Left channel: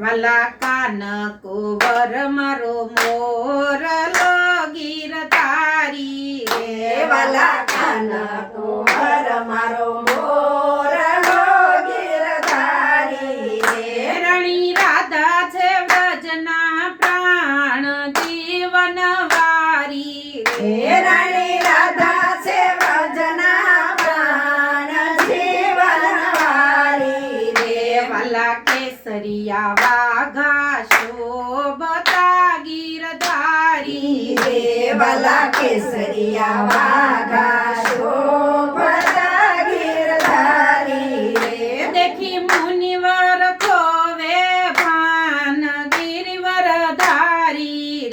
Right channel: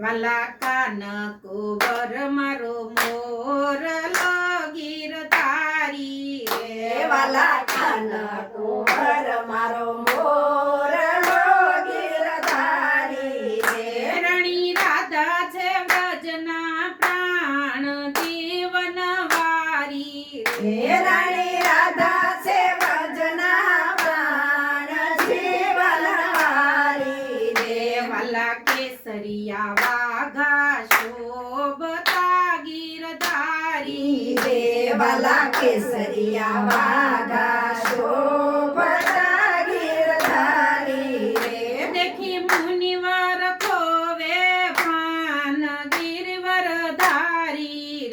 વાલા કાન કુંવર મારો મોરલો ગીરધારી રે વાલા કાન કુંવર મારો મોરલો ગીરધારી રે રણી રાધા છે વ્રજના પ્રાણ જીવન વારી હે રાણી રાધા છે વ્રજના પ્રાણ જીવન વારી રે વાલા કેસરિયા વાઘા શોભતા ગીરધારી રે વાલા કેસરિયા વાઘા શોભતા ગીરધારી રે દેખી મુનિવર ખોવે ભાન ગિરિવરધારી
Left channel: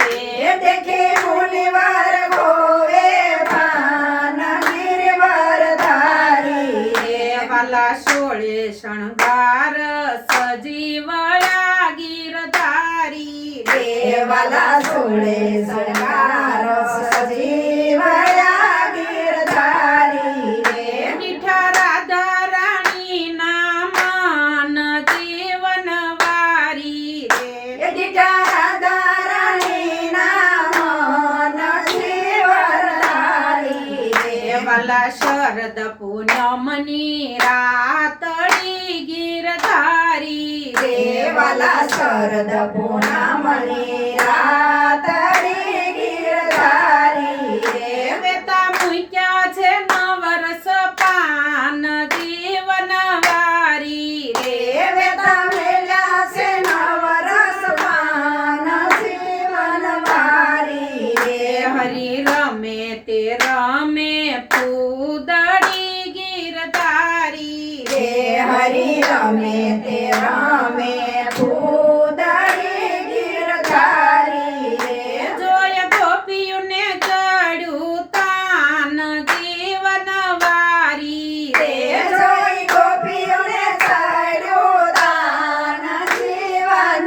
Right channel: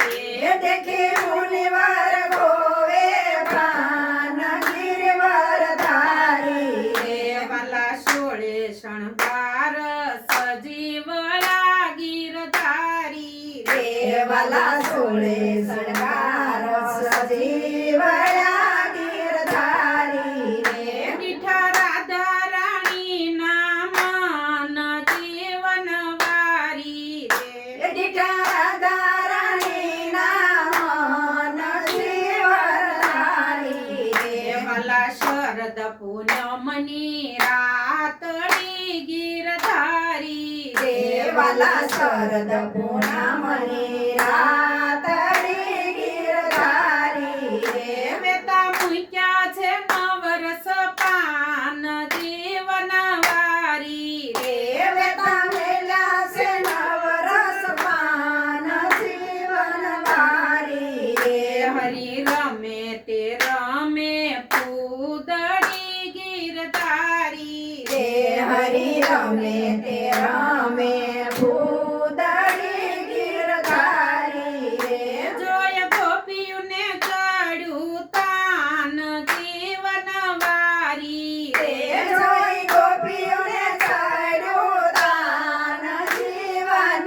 રે દેખે મુનિવર ગોવે ભાન ગિરિવરધારી રે વાલા સોળે શણગાર સજીવયા ગીરધારી રે વાલા સોળે શણગાર સજીવયા ગીરધારી રે દીઠા રાધા રાણીના મન જીવન વારી રે દીઠા રાધા રાણીના મન જીવનધારી રે વાલા શરદ પૂનમની રાતડી ગીરધારી રે વાલા શરદ પૂનમની રાતડી ગીરધારી રે વેતા મૂક્યા છે નવરસ પાન જીવન વારી રે વેતા મેલ્યા છે નવરસ પાન જીવનવારી રે હરી રમે તે રમે પૂદડી ગીરધારી રે હરી રમે તે રમે ભૂદડી ગીરધારી રે જોય ગોપીઓને ચડ્યું તાન જીવન વારી રે રે જોઈ ગોપીઓને ચડ્યું દાન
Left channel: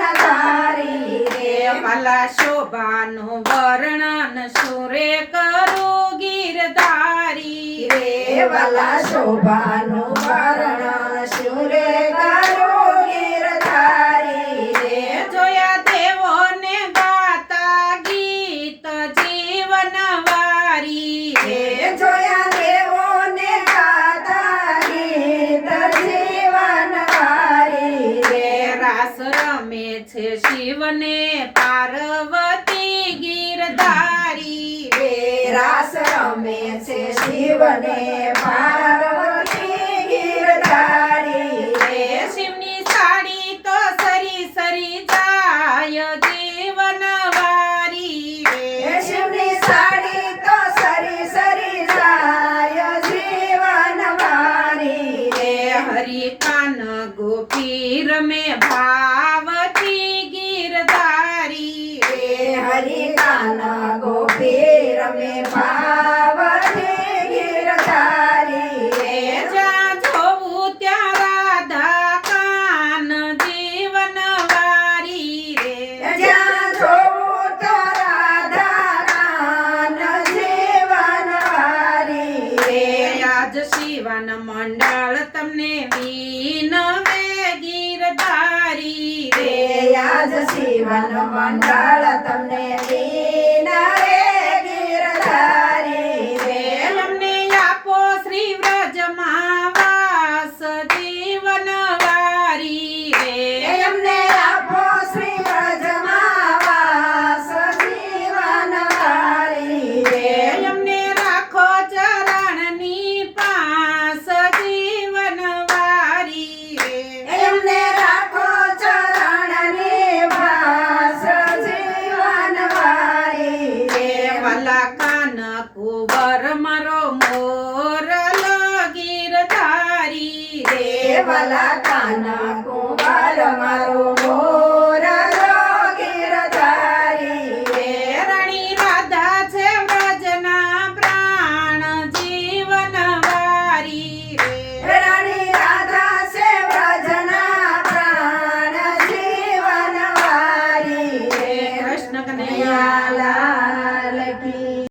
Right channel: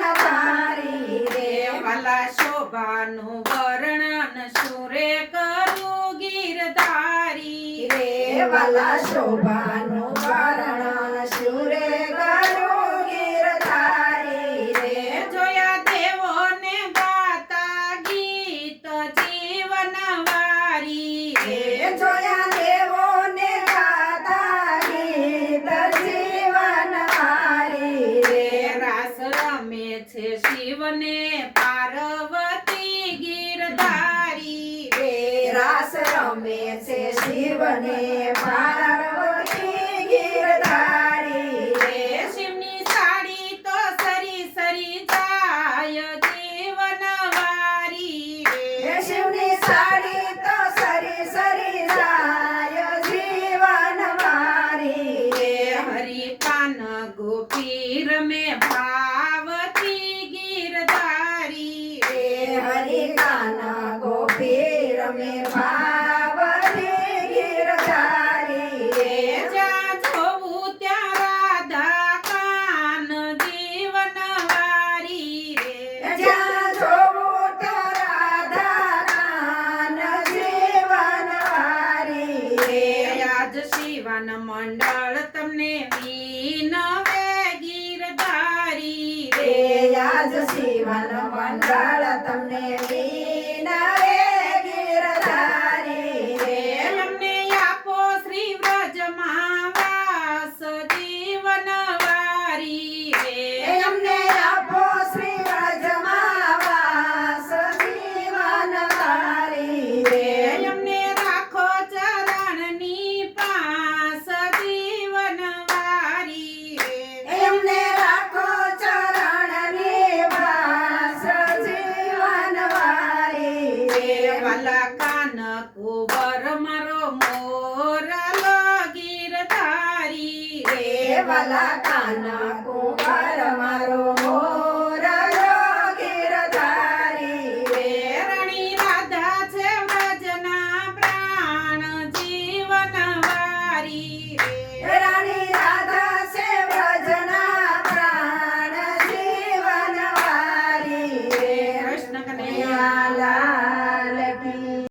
જીવનધારી રે વાલા શોભાનું વર્ણન સુરે કરું ગીરધારી રે વાલા શોભાનું વર્ણન શુરે કરું ગીરધારી રે જોયા દેવોને ગાતા ગીત જીવન વારી રે રે જોયા દેવોને ગાતા ગીત જીવનવારી રે રાસ રમે છે શિવને પાર્વતી ગીરધારી રે રાસ રમે છે શિવને પાર્વતી ગીરધારી રે શિવની સાડી તો સરી સરી જાય જીવન વારી રે શિવની સાડી તો સરી સરી જાય જીવનવારી રે હરી કાન ગોપી રમે ભાવતી ગીરધારી રે હરિ કાન ગોપી રમે ભાવતી ગીરધારી રે જ્યાં જોવું ત્યાં રાધા કાન જીવન વારી રે જ્યાં જોવું તો રાધા કાન જીવનવારી રે આજ શિવન મંડળ તમને વિનવે ગીરધારી રે આજ શિવન મંડળ તમને વિનવે ગીરધારી રે અમને આપો શ્રી વ્રજમાં વાસ જીવન વારી રે એમને આપો શ્રી વ્રજમાં વાસ જીવનવારી રે અમને રાખો ચરણની પાસ જીવન વારી રે એમને રાખો ચરણની વાસ જીવનવારી રે વાલા કાન કુંવર મારો મોરલો ગીરધારી રે વાલા કાન કુંવર મારો મોર